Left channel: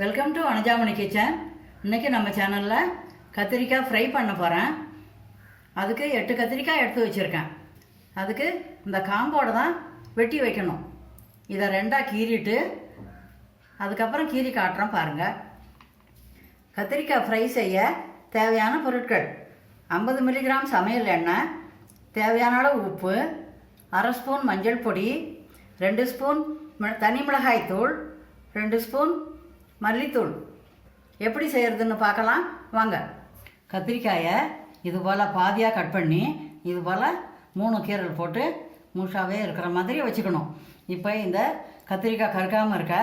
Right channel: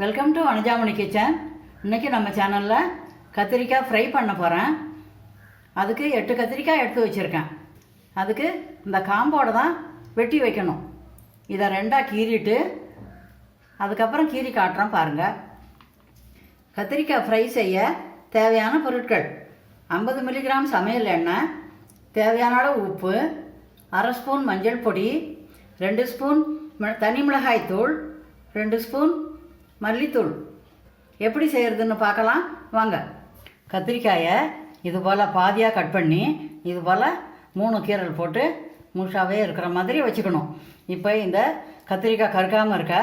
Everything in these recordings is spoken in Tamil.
வெல்கம் டு வனஜாமணி கிச்சன் இன்றைக்கி நம்ம சேனலில் கத்திரிக்காய் ஃப்ரை பண்ண போகிறேன் அதுக்கு எட்டு கத்திரிக்காய் எடுத்து வச்சுருக்கேன். அதுக்கு இந்த காம்போடு தான் வெட்டி வைக்கணும். இதை ரெண்டாக கீறிட்டு அதுக்கப்புறம் கீறி காட்டுறேன் பாருங்கள் கத்திரிக்காய் ஃப்ரை செய்ய தேவையான பொருட்கள் ஐம்பது மில்லிகிராம் சமையல் எண்ணெய் தேவையான அளவு உப்பு அரை ஸ்பூன் மஞ்சள் பொடி ரெண்டு ஸ்பூன் தனி மிளகாய் தூள் ரெண்டு ஸ்பூன் மல்லித்தூள். எப்படி செய்கிறதுன்னு பார்க்கலாம். வாங்க. கத்திரிக்காயை இது போல் பாதியாக கட் பண்ணி இது போல் மூணு கீரல் போட்டு முழுசாவே இருக்கிற மாதிரி வச்சுக்கணும். இப்போ இந்த கத்திரிக்காய் கருக்காமல் இருக்க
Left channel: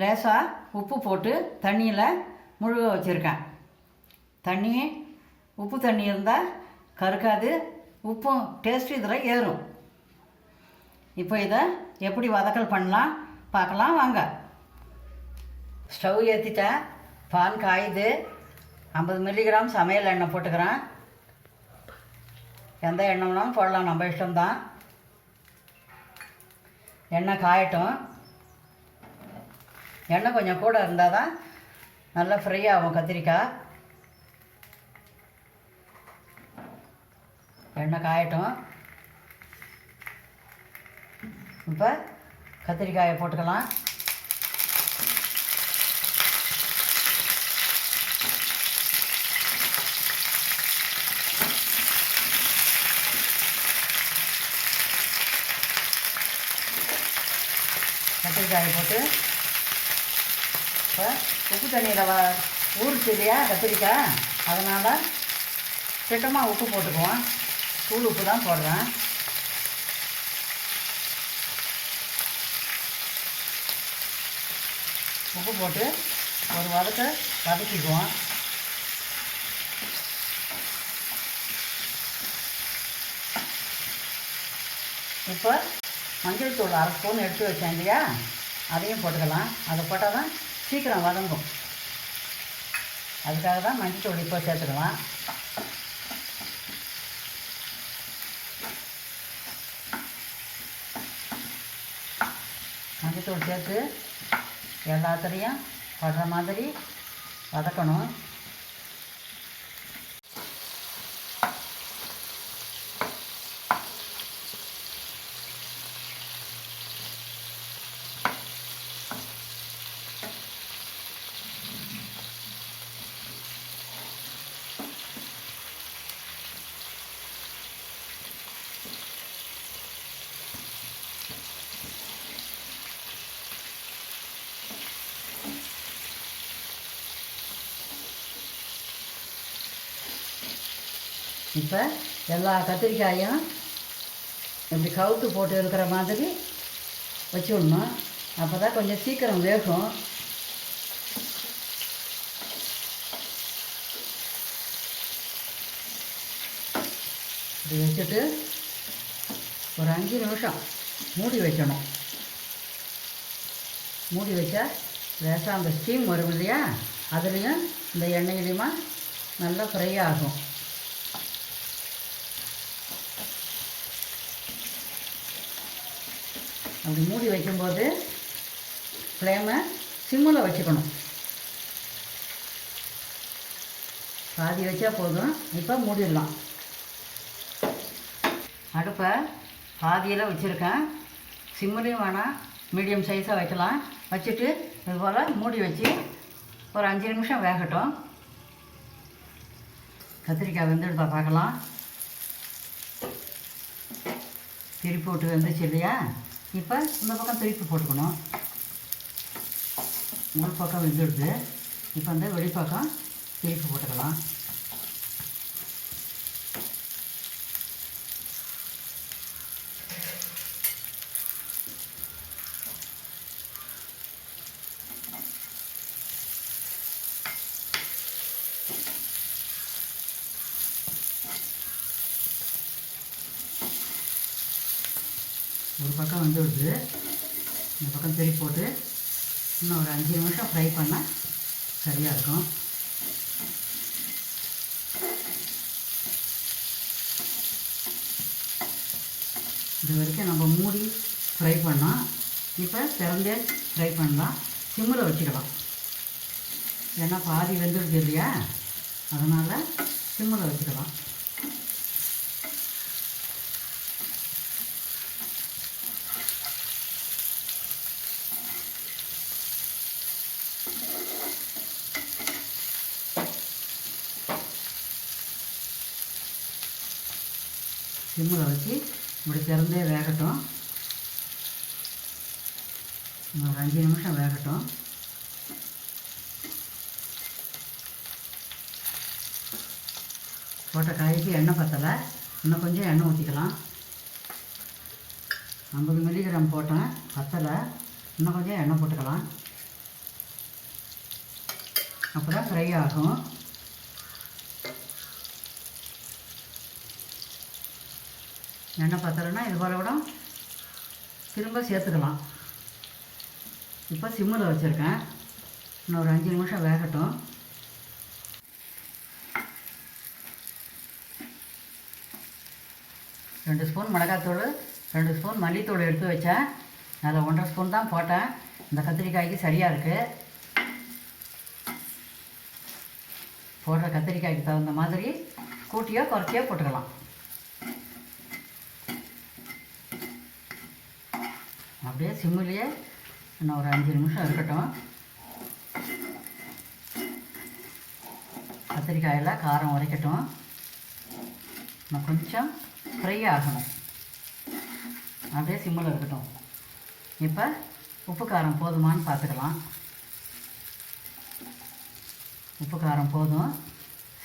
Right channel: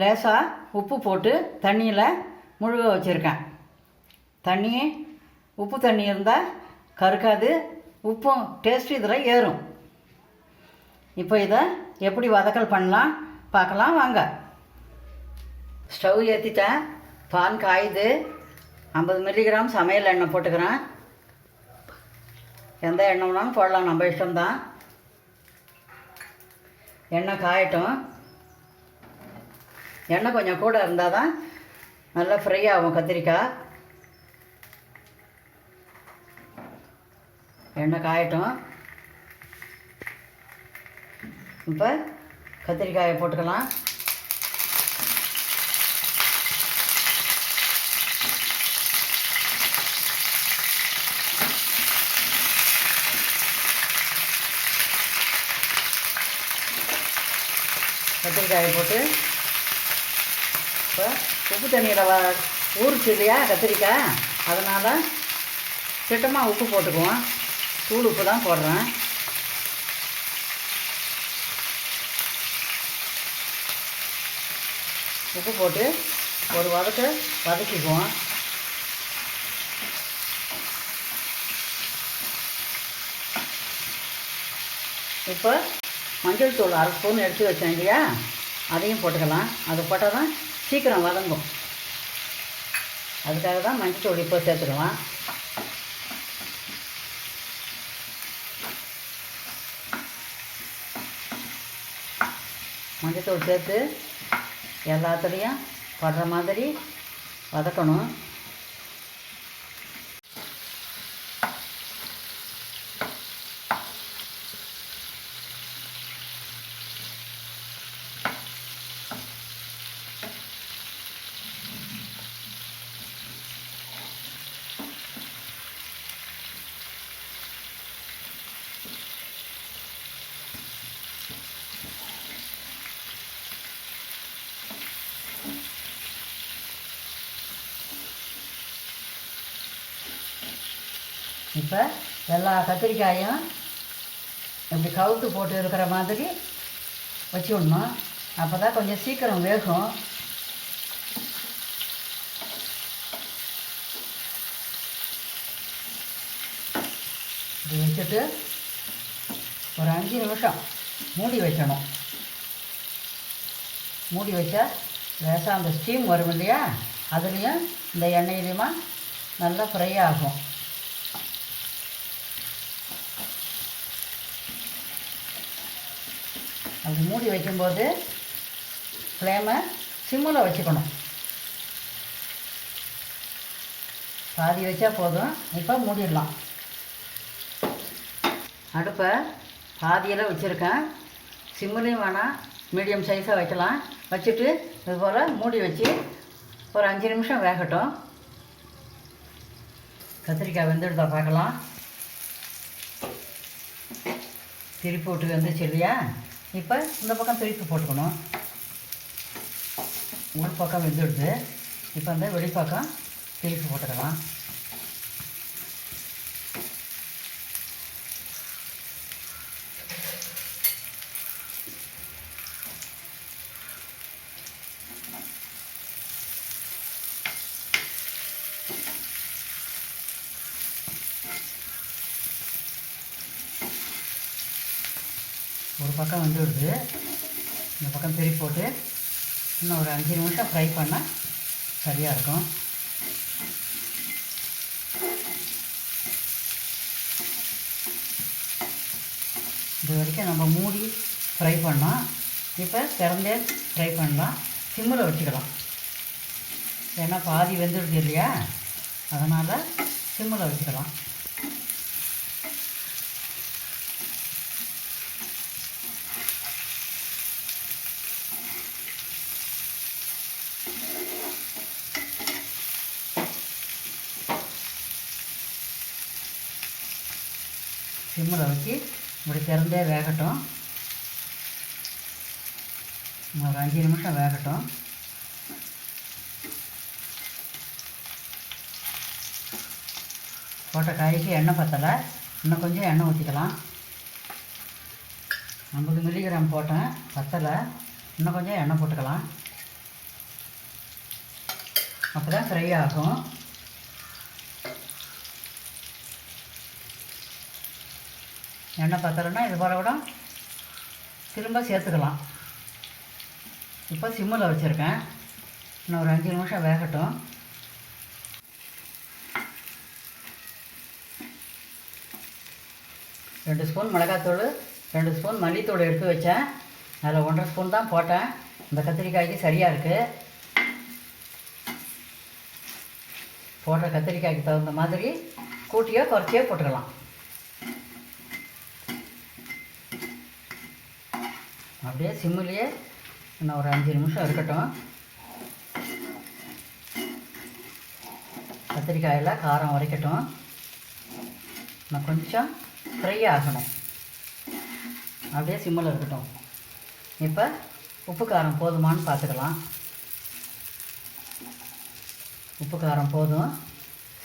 லேசாக உப்பு போட்டு தண்ணியில் முழுக வச்சுருக்கேன். தண்ணி உப்பு தண்ணி இருந்தால் கருக்காது உப்பும் டேஸ்ட் இதில் ஏறும். இப்போ இதை எப்படி வதக்கல் பண்ணலாம்? பார்க்கலாம். வாங்க. ஸ்டவ் ஏற்றிட்டேன் பான் காயுது. ஐம்பது மில்லிகிராம் சமையல் எண்ணெய் போட்டுக்கிறேன். எந்த எண்ணெய் வேணாலும் போடலாம். நம்ம இஷ்டம்தான். எண்ணெய் காயட்டும். எண்ணெய் கொஞ்சம் கூட இருந்தால் தான் நல்லா ஃப்ரை ஆகும் கத்திரிக்காய். எண்ணெய் காயட்டும். இப்போ கத்திரிக்காயை போட்டுக்கலாம். கத்திரிக்காயை போட்டு இப்போ உப்பு தண்ணியில் வ ஊறிச்சு இல்லையா கத்திரிக்காய் அதனால் திட்டமாக உப்பு போட்டுக்குவோம். தூள் உப்பு தான் போடுறேன். உப்பு போட்டு ஒரு வதக்க வதக்கிக்குவோம். இப்போ மஞ்சள் தூள் அரை ஸ்பூன் எடுத்து வச்சேன் இல்லையா? அதையும் போட்டுக்கலாம். அதை போட்டால் தான் சீக்கிரம் வதங்கும். அதுக்காக தான் மஞ்சத்தூள் இப்போ சேர்த்துக்கலாம். மஞ்சத்தூள் சேர்த்து எல்லாத்துலேயும் படுற மாதிரி வதக்கணும். இப்போ எல்லா கத்திரிக்காயும் இப்படி கவுத்து போட்டு இருக்கிற மாதிரி வச்சு விடணும் அப்போ தான் கொஞ்சம் சீக்கிரம் வேகும். இப்படி வச்சுட்டு ஒரு அஞ்சு நிமிஷம் மூடி வைக்கணும். மூடி வச்சா லேசாக அந்த ஸ்டீம் வரும் இல்லையா? அதுலேயும் இந்த எண்ணெயிலையுமா நல்லா ஃப்ரை ஆகும். அது மூடி வைக்கும்போது ஃப்ளேமை சிம்மில் வச்சுக்கணும். பாதி வச்சா போதும். இப்போ மூடிடலாம். அடுப்பை பாதியில் வச்சுருக்கேன். சிம்மிலையும் வேணாம் மீடியம் சைஸாக வைக்கலாம். வச்சுட்டு இது போல் மூடி வச்சு ஒரு அஞ்சு நிமிஷம் வேகட்டும். கத்திரிக்காய் வெந்துடுதா பார்க்கலாம். திருப்பி விட்டு வந்துச்சு இல்லையா? இப்போ இந்த பக்கம் பிரித்து போட்டுக்கணும். உள் பக்கம் வெந்துடுது இப்போ அந்த வெளிப்பக்கம் பிரித்து போட்டுக்கலாம். ஒரு பக்கம் வந்துடுது இந்த பக்கம் திருப்பி போட்டு இன்னும் ஒரு அஞ்சு நிமிஷம் ஃப்ரை பண்ணால் சரியாக இருக்கும். இது வரைக்கும் நம்ம மூடி ஃப்ரை பண்ணோம் இப்போ திறந்தே ஃப்ரை பண்ணலாம் சிம்மில் வச்சுக்கலாம். ஏன்னா பாதி வெந்துடுது இல்லையா? அதனால் சிம்மில் வச்சுக்கலாம். சிம்மில் வச்சு இப்படி திறந்தே வேகட்டும். ஒரு அஞ்சு நிமிஷம் வேகட்டும். போட்ட காய்க்கு எண்ணெய் பத்தலை. இன்னும் கொஞ்சம் எண்ணெய் ஊற்றிக்கலாம். ஐம்பது மில்லிகிராம் போட்டேன். பத்தலை. இன்னும் கொஞ்சம் எண்ணெய் போட்டுக்கலாம். அப்போ தான் ஃப்ரை ஆகும். எண்ணெய் பத்தலைன்னா இது போல் கூட திரும்ப சேர்த்துக்கலாம். இப்போ சிம்மில் வச்சுருக்கேன். இன்னும் ஒரு அஞ்சு நிமிஷம் வேகட்டும். ரெண்டு ஸ்பூன் மிளகாத்தூள் ரெண்டு ஸ்பூன் மல்லித்தூள் எடுத்து வச்சேன். அதில் ஒன்றரை ஸ்பூன் தான் போட்டேன். இந்த கத்திரிக்காய்க்கு சரியாக இருக்குது போடுற கத்திரிக்காய்க்கு தகுந்த மாதிரி கூட்டியோ குறைச்சியோ போட்டுக்கலாம். அப்படியே சிம்மிலேயே இன்னும் ஒரு அஞ்சு நிமிஷம் இருக்கட்டும். கத்திரிக்காயெல்லாம் காரம் உரைக்கட்டும் இன்னும் கொஞ்சம் ஃப்ரை ஆகணும். அப்படியே சிம்மில் இருக்கட்டும். இப்போ உப்பு காரம் போதுமான்னு பார்த்துக்கலாம். உப்பு காரம் போதும்.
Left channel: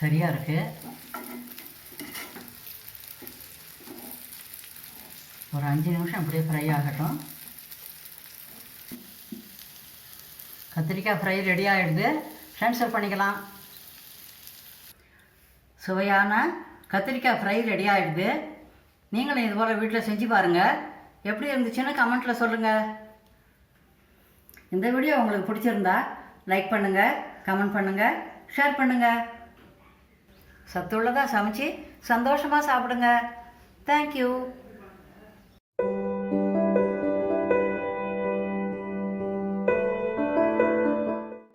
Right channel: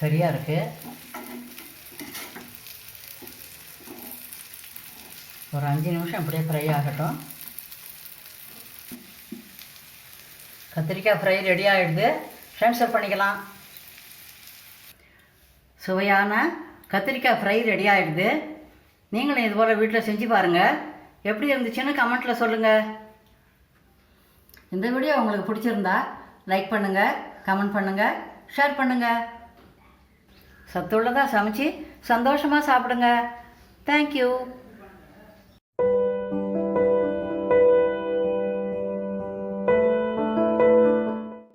சரியாக இருக்குது ஒரு அஞ்சு நிமிஷம் அப்படியே ஃப்ரை ஆகட்டும். கத்திரிக்காய் ஃப்ரை ரெடி ஆகிடுது ட்ரான்ஸ்ஃபர் பண்ணிக்கலாம். சுவையான கத்திரிக்காய் ஃப்ரை ரெடி ஆகிடுது நீங்களும் இது போல் வீட்டில் செஞ்சு பாருங்கள் எப்படி இருந்துச்சுன்னு கமெண்ட்டில் சொல்லுங்கள் இந்த வீடியோ உங்களுக்கு பிடிச்சிருந்தா லைக் பண்ணுங்கள் கமெண்ட் பண்ணுங்கள் ஷேர் பண்ணுங்கள் சத்துள்ளதாக சமைச்சு சந்தோஷமாக சாப்பிடுங்க. தேங்க்யூ